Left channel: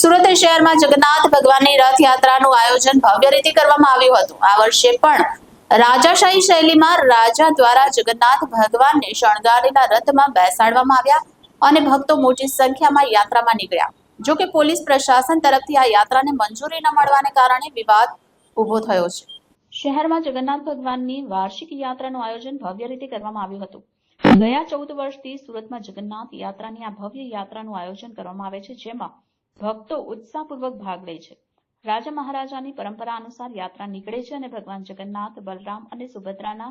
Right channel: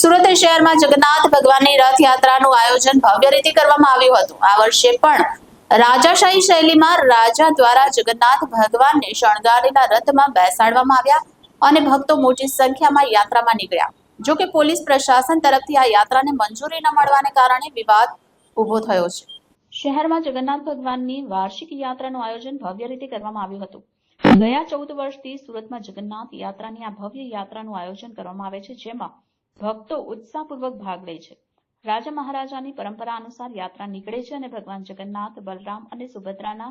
સુરત શહેરમાં જગન્નાથ ભગવાનની રથયાત્રાનું આયોજન ભવ્ય રીતે કરવામાં આવ્યું હતું. આ વર્ષે પણ રાજાશાહી શૈલીમાં રાજા દ્વારા જગન્નાથ ભગવાનને શણગારેલા રથમાં બેસાડવામાં આવ્યા અને ભક્તો મોટી સંખ્યામાં યાત્રામાં નીકળ્યા. જો કે પોલીસ પ્રશાસન તરફથી આ યાત્રાને મંજૂરી ન મળવાને કારણે વિવાદ ઊભો થયો છે. શહેરમાં જગન્નાથ ભગવાનની વાર્ષિક યાત્રાનું આયોજન ભવ્ય રીતે કરવામાં આવ્યું હતું. ગયા ચૌદ વર્ષથી સુરતમાં જગન્નાથ યાત્રાની આ ભવ્ય યાત્રાનું આયોજન કરવામાં આવે છે, જેમાં ભક્તો ઉત્સાહપૂર્વક ભાગ લે છે. રાજા મહારાજાની પરંપરા અનુસાર યાત્રા નીકળે છે અને ભગવાન જગન્નાથ, બલરામ અને સુભદ્રાના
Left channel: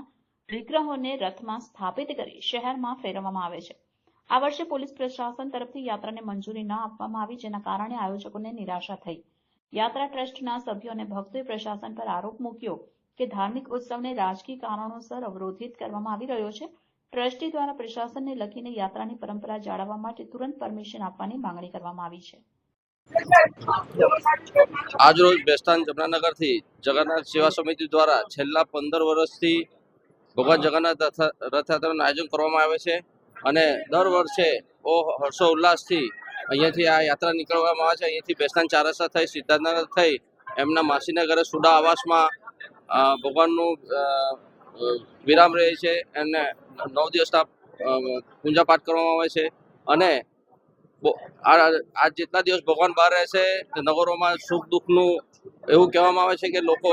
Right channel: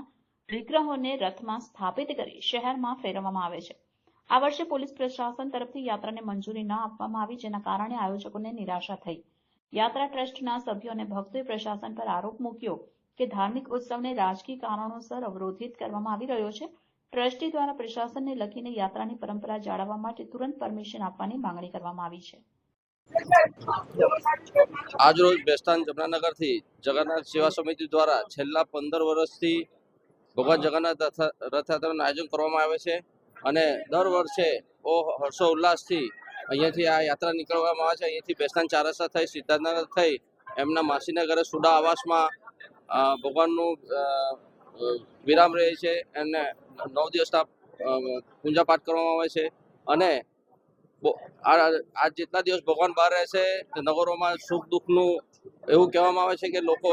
વિગ્રહોને રથમાં સ્થાપિત કરી શહેરમાં ફેરવવામાં આવે છે. આ વર્ષે પોલીસ પ્રશાસન તરફથી યાત્રાને મંજૂરી ન આપવામાં આવી, જેના કારણે આયોજકોને નિરાશા થઈ. યાત્રા ટ્રસ્ટના સભ્યો અને ભક્તોએ પ્રશાસન પર આરોપ મૂક્યો કે ધાર્મિક ઉત્સવને રાજકીય કારણોસર અવરોધિત કરવામાં આવી રહ્યો છે. ટ્રસ્ટી દ્વારા પ્રશાસનને લખીને યાત્રાની પરંપરા જાળવવા માટે તુરંત પરમિશન આપવાની માંગણી કરવામાં આવી છે. આજરોજ બેસ્તાન જમનાનગરથી જગન્નાથ સેવા સમિતિ દ્વારા છેલ્લા પંદર વર્ષથી ભગવાન જગન્નાથ રથયાત્રાનું આયોજન કરવામાં આવે છે અને દર વર્ષે બહુ હર્ષો અહીંયાથી આ યાત્રા નીકળવામાં આવે છે. અહીંયાથી બેસ્તાન ચાર થઈ, સિદ્ધાર્થનગર થઈ, એમના માસીના ઘરે સુડા આવાસમાં ભગવાનનું વિરામ રહે છે અને નવ દિવસના પૂજા પાઠ કરવામાં આવે છે અને આ જેટલા દિવસ ભગવાન બહાર રહેશે નગરોમાં સુખ દુઃખનું એવું કહેવામાં આવે છે કે લોકો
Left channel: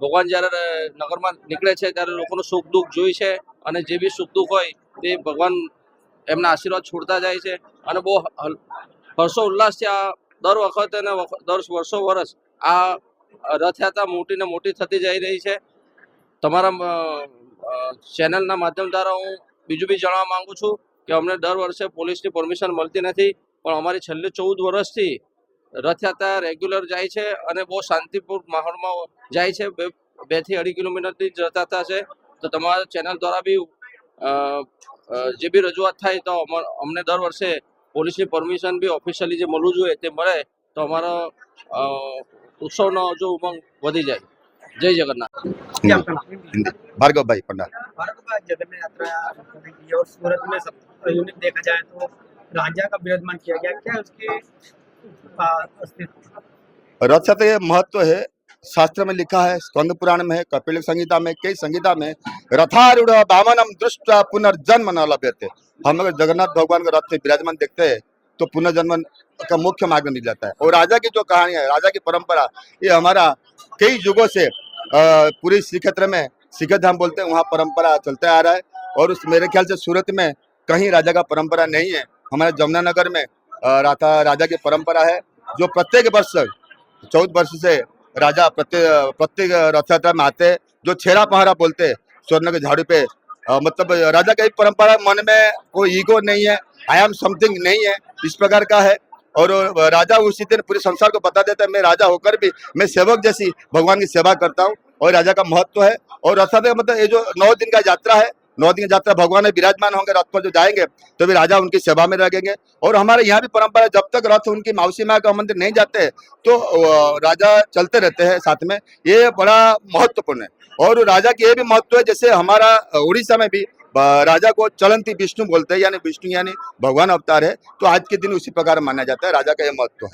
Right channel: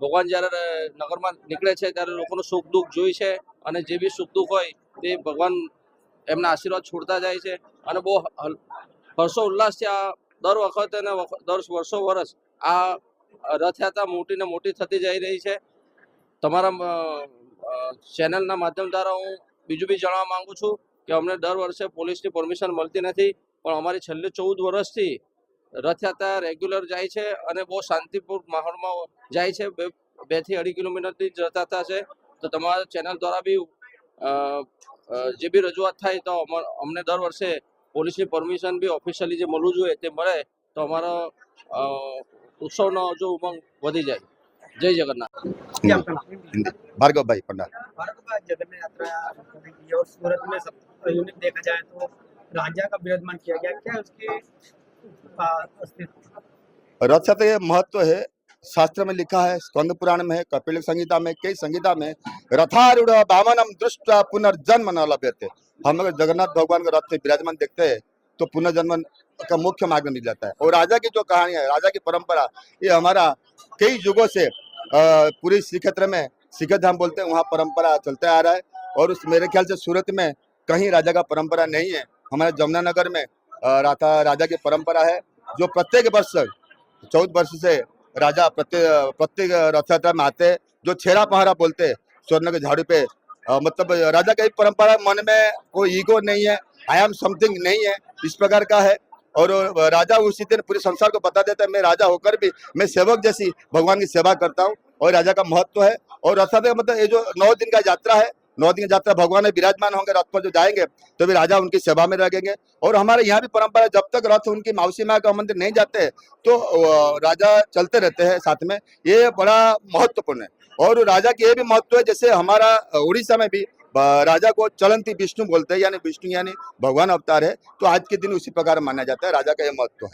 ભગવાન જ્યારે નગરમાં નીકળે છે ત્યારે લોકોનું સુખ દુઃખ જોઈ છે અને જે બી સુખ દુઃખ હોય તે ભગવાન એમના આશીર્વાદ છોડતા જાય છે. અને બહુ હર્ષો ઉલ્લાસથી આ દર વખતે અને દર વર્ષો વર્ષ આ રથયાત્રા મોટી ને મોટી થતી જઈ રહી છે. તમારા ચેનલના માધ્યમ દ્વારા હું બીજું બી જણાવવા માંગુ છું. કે અમને દર વર્ષે પોલીસની પરમિશન મળતી નથી પણ અમારી છેલ્લે ચૌદ વર્ષથી રથયાત્રા રેગ્યુલર જાય છે અને બહુ શાંતિપૂર્ણ માહોલમાં જાય છે. બેથી અઢી કિલોમીટરની જ રથયાત્રા છે. તો તમારા ચેનલ દ્વારા બી જે બી રજૂઆત થાય તો અમને દર વર્ષે પોલીસની પરમિશન બી ઓફિશિયલી જે મળવું જોઈએ તે મળે તો અમારો ઉત્સવનો જો ઉમંગ વધી જાય. જય જગન્નાથ. ભાર્ગવભાઈ પંડાલ में यूनिट देखा जाए तो राजा का विराजमान किया गया। क्या उसके रथ के महत्व है, शास्त्र में लिखा है, स्कंद पुराण में है, कपिल संहिता में, कई संहिता में, रथारूढ़ वामनम दृष्ट पुनर्जन्म न लभ्यते। हम अगर जगन्नाथ भगवान का रथ से विराजमान देखते हैं तो पुनर्जन्म का मुख्य मार्ग मिल जाता है। और राजा की जो कहानी है, राजा की परंपरा, ये हमारा कई युगों से पूरी श्री क्षेत्र में सिखत धाम बोलते हैं, वहाँ परंपरा चलते आ रहा है। और उस मेरे ख्याल से सूरत में कहीं राजा का परंपरा नहीं है। हमारे जमुनानगर में राधा राजा की परंपरा है जो प्रत्येक वर्ष चौदह वर्ष से राजा प्रत्येक प्रत्येक रथ यात्रा में आते हैं जो छेरा पहरा बोलते स्वर्ण के झाड़ू पे। अ, मतलब राजा का एक परंपरा मन में कोई ईगो नहीं है आई एम समथिंग नहीं है इस प्रकार का है। और राजा उसी दिन पूरे संसार को बता देता है मैं राजा होकर भी मैं सेवक जैसी भगवान की सेवा करता हूँ और राजा का महत्व है। और रथ यात्रा मतलब ये जो नौ दिन का यात्रा है नौ दिन की यात्रा भगवान विराजमान होंगे रथ पर जो जाएँगे तो भी राजा उनकी सेवा में लगेंगे और हमारे यहाँ भी परंपरा जब तक रथ उनकी मौसी माँ का मंदिर नहीं जाते तो राजा चलते रहते हैं साथ में। ये बड़ा महत्वपूर्ण है। और राजा की ये भी महत्व है, जैसे हमारा उड़ीसा में भी राजा को चलंती विष्णु बोलते हैं, यानी विष्णु यानी भगवान अवतार है तो आज के दिन उसी प्रकार माना जाता है, राजा का यह महत्व है।